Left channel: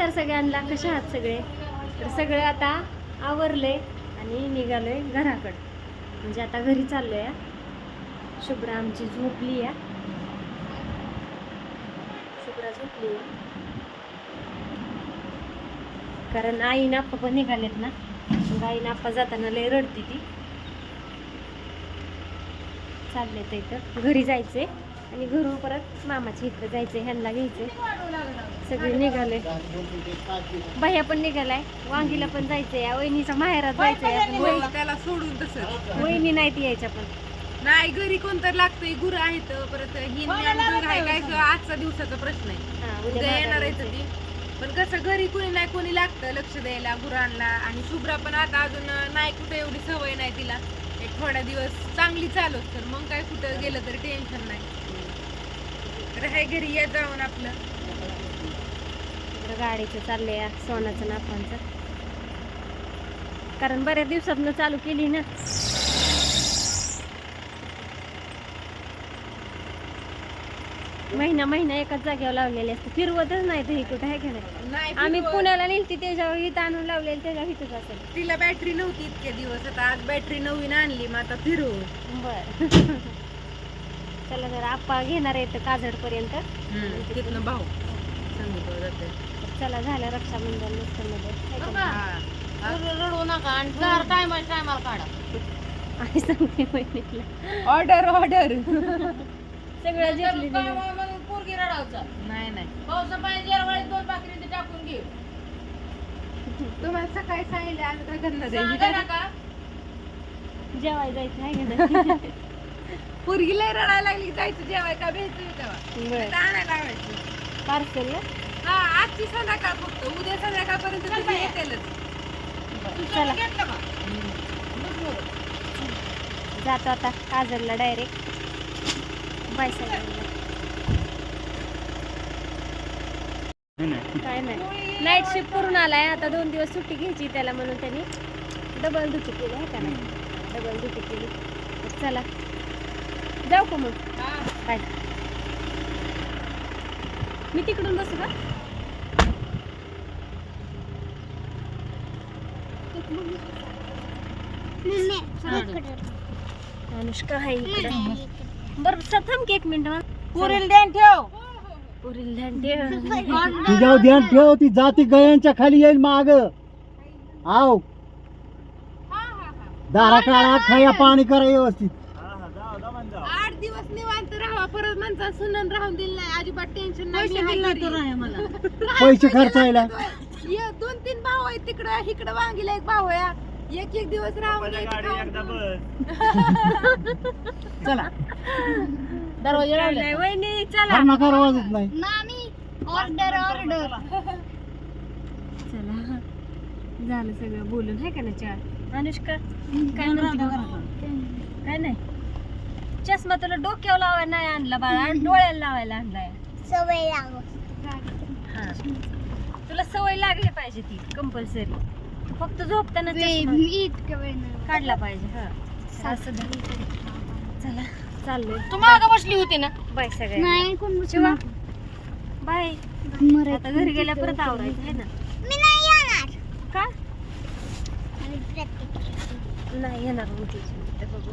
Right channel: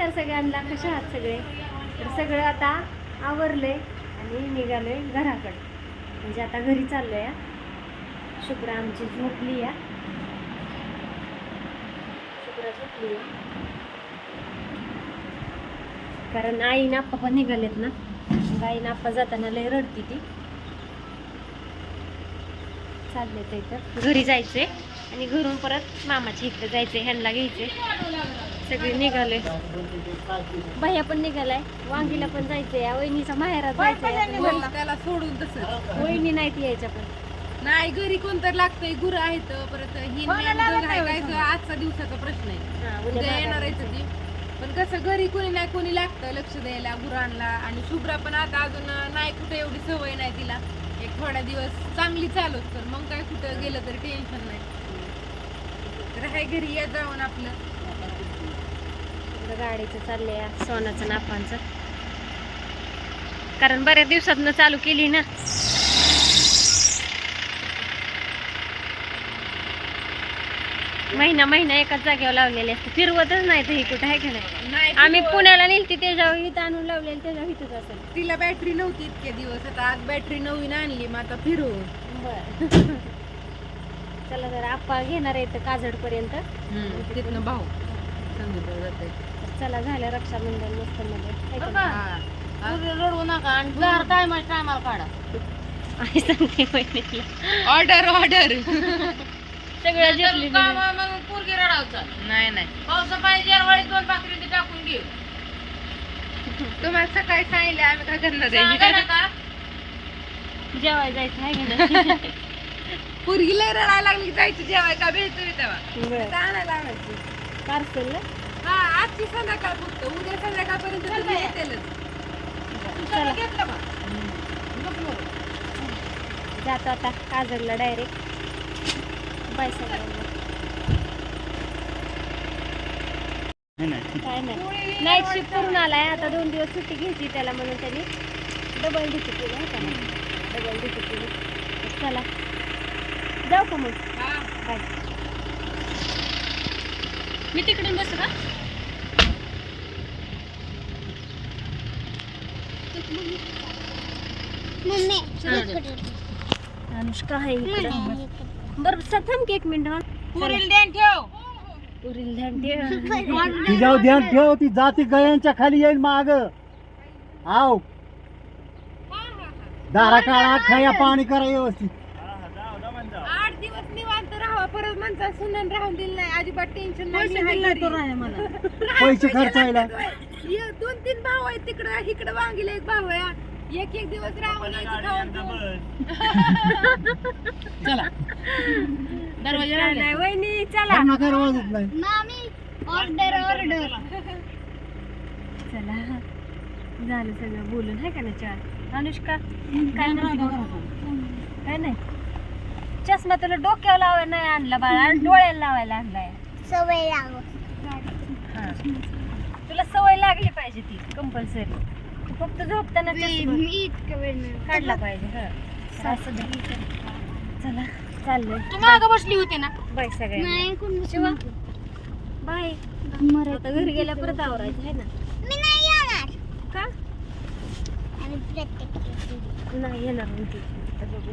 नमस्कार सगळ्यांना कशा आहात सगळे? तर सगळं आता आवरले आणि निघालोय घराकडं. म्हणजे आता घरी चाललो या शुभ्रा आमची झोपली या शुभ्रा झोपली आहे. कारण आई नाप्पा पण निघालेत ना. मग आई नाप्पा जाताना लय रडती ती. चालले तर. इथं घरी जायचंय आणि घरून परत मामाच्या इकडे जायचंय ह्यांना घ्यायचंय. सगळे निघाले. भैया पण निघालाय. वांगीला पण जायचंय. या वहिनीच्या माहेरात जायचंय. हो, त्याला सोडून तसंच. वहिनी नाही ती यायच्या पण. नाही घरी कोणतर लागतंय. गुरं आहेत परत ही काय आजचा दिवसाचा प्रश्न आहे. हा, उद्या उद्या येणार आहे ती. पण कसं घरी कोणी नाही कोणी लागतं. लक्ष द्यायला गुरांना आणि शुभ्रा पण आता अजून नाही कुठे एवढी सवय नाही तिला. एक थोड्या दिवस चांगली चालूच तर मग काय कुठं गेलं तरी टेन्शन नाही. तर हाय घरी या जाऊन आपलं. गाडीचं चाललंय या सोनाचं नापांचं कारण बऱ्याच दिवसातनं चालू केली ना. महिना महिना एकाच जागेवर लावलेले असते. फिरवतच नाही तर ही कुठं आहे का नाही? आम्ही पुण्याला नेलती त्याच्यावर इथं आणून लावलेली त्याच्यावर इथंच असेल. तिला बॅटरी नव्हती इतके दिवस. आता आज बॅटरी नवीन आणली मग आता फिरू बर. चला जरा आप्पा घेणार आहे काजड पर्यंत तिथनं भाऊ. जाते चला झालं रक्षाबंधन मस्त मध्ये रडू नका आणि टायमा टायमाला काढा. आई सांगते बहिणीला ऑर्डर ऑर्डर सगळं पोरगी रडावचा. नाही नाही. पावसा जेरवाळीत दोन पाकरी टाकून घेऊ. तुम्हाला सकाळी सांगितलं आम्ही काय करणार का? जेवाय जायचं आहे का नाही? पोरगी लय रडायला लागली जायचं जेवाय का? भेटतोय तेव्हा. बर. आणायला लावायचं? पार्सल हा आजची संध्याकाळ फक्त. उद्या संध्याकाळपर्यंत तुम्ही येतेलच. चला. जातो आता. काजडला डायरेक्ट बाय सगळ्यांना. काय नाही. नाईट शिफ्ट करून आलाय. आता दोन दिवस सुट्टी घ्यायची त्याला म्हणून त्यांनी डबल ड्युटी केली आहे त्याला. डबल ड्युटी केली. चला. जाऊ का मग? बाय मी तिकडून बसू का? अनुष्का आहे इकडं. बरं थांब की एक मिनिट पुरील ध्यान ठेव. पुरील ध्यान ठेव. तिच्यावर ध्यान ठेव ती जाती गयांच्या खाली येईल माग. आव. दारा काळा खाया पाणी करा व्यवस्थित. सुनन राहून दिलं नाही. अजिबात टेन्शन नाही. पैसे खर्चायला ये दोन तीन भाऊ आहेत तिकडं. इकडं वांगीला एक भाऊ आहे. एक एक दिवस राहून यायचं खाऊन पिऊन. चला. नाही वहिनी चला. नकार वाजत नाही ऑर्डर ऑर्डर चला. झालं सगळं बोलून आहे का ना चार अनुष्का काय म्हणते? मग? काय नाही? चष्मा तुला डोक्यावर लावायला नाही आणला बाळा डोळ्याला लावायला आणलाय. सवय लागो हा. तुला सवय लागली पाहिजे ती कंपल्सरी फक्त झोपताना चष्मा काढला पाहिजे हा. असं दे. चला चाललोय. तू माग बसली होती ना? बाय सगळ्यांना. नाही कोण शिवा बाय. आता घरी गेल्या परत आवरायचं आहे ना. मी नाही येणार. का? प्रत्येक नाही येणार म्हणते बघू.